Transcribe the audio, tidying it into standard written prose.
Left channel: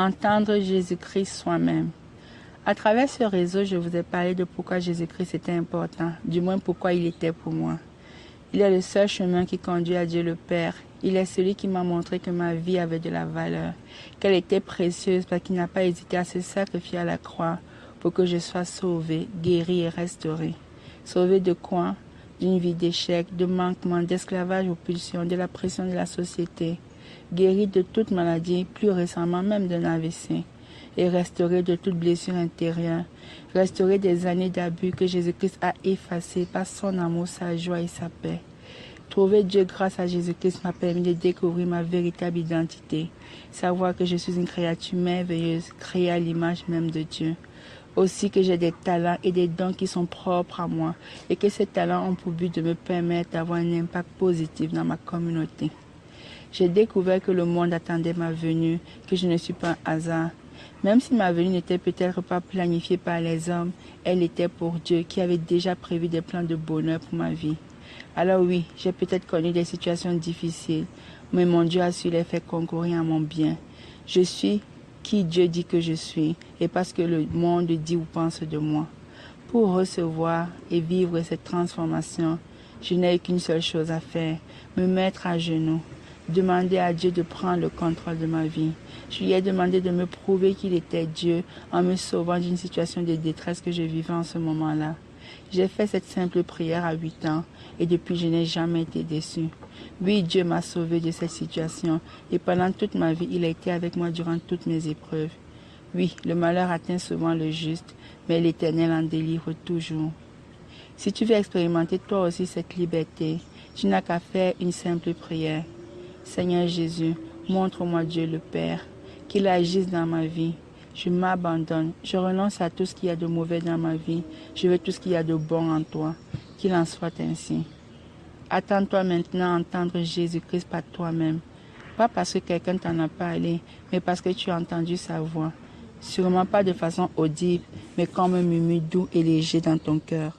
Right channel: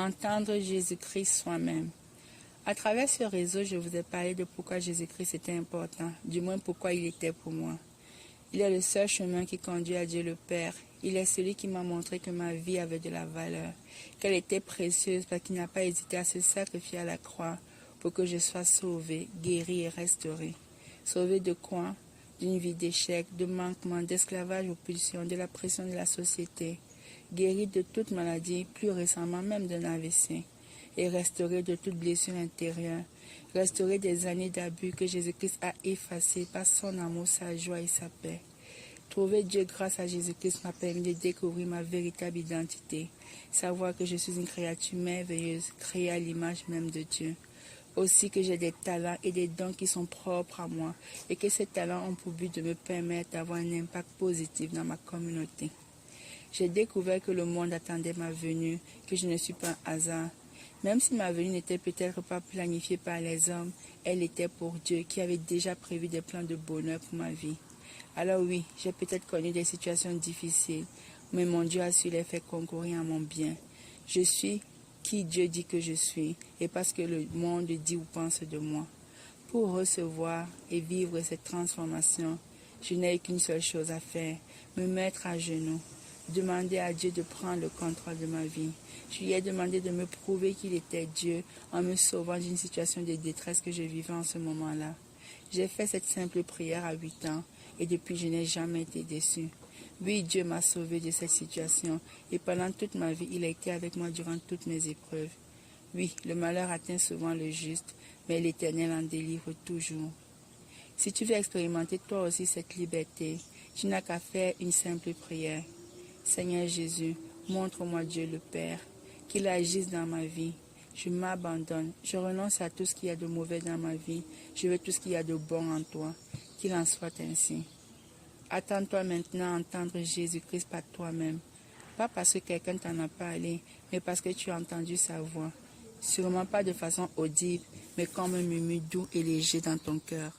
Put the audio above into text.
Entendre Jésus-Christ soi-même. À travers ce réseau, je vous ai parlé de pourquoi Jésus-Christ était important, du moins pourquoi il était pour moi. Il est le seul chemin qui conduit à Dieu le Père. Il est celui qui m'a montré que ma vie avait de la valeur, qu'elle était précieuse parce qu'il n'a pas hésité à se sacrifier à la croix pour que je sois sauvé, guéri et restauré. Sauvé de quoi? D'une vie d'échec, de manquement, d'esclavage aux pulsions, de la pression de la société. Guéri de toute maladie, plus récemment même d'un AVC. Et restauré de toute blessure intérieure. Restauré des années d'abus que Jésus-Christ a effacées par son amour, sa joie et sa paix. Trouver Dieu grâce à Jésus-Christ m'a permis de découvrir ma véritable identité. Savoir que je suis une créature merveilleuse, créée à l'image même de Dieu. Aussi que j'ai des talents et des dons qui sont propres à moi et que ces talents ont pour but de me permettre d'avoir un impact positif dans ma communauté. J'ai découvert que le monde attendait ma venue, que je ne suis pas un hasard. Même si ma venue n'était peut-être pas planifiée par les hommes, elle était pour Dieu qui avait déjà prévu des plans de bonheur pour ma vie. Alors oui, j'ai peut-être connu des situations difficiles, mais mon Dieu a su les faire concourir à mon bien. Je suis qui Dieu dit que je suis et parce que le monde dit ou pense de moi. Pour recevoir et vivre cette transformation, je n'ai qu'une seule chose à faire, me mettre à genoux, demander à Dieu de prendre le contrôle de ma vie. Je lui ai demandé de me prouver qu'il était Dieu en me sauvant d'une situation de détresse que je vivais en ce moment-là. J'ai fait cette simple prière à 8 ans et depuis je n'ai jamais été déçu. Oui, Dieu m'a sauvé de cette situation et pendant toute ma vie, il a été avec moi durant toutes mes épreuves. Oui, le malheur atteint souvent le juste, mais l'Éternel en délivre toujours. Si tu veux expérimenter toi aussi cette liberté, tu n'as qu'à faire une simple prière. Seigneur Jésus, montre-moi Dieu le Père, qu'il agisse dans ma vie. Je m'abandonne, je renonce à tout ce qu'il y a de mauvais dans ma vie. Je veux tout ce qu'il y a de bon en toi. Qu'il en soit ainsi. Attends-toi maintenant à entendre Jésus-Christ par toi-même. Pas parce que quelqu'un t'en a parlé, mais parce que tu as entendu sa voix. Sûrement pas de façon audible, mais comme un murmure doux et léger dans ton cœur.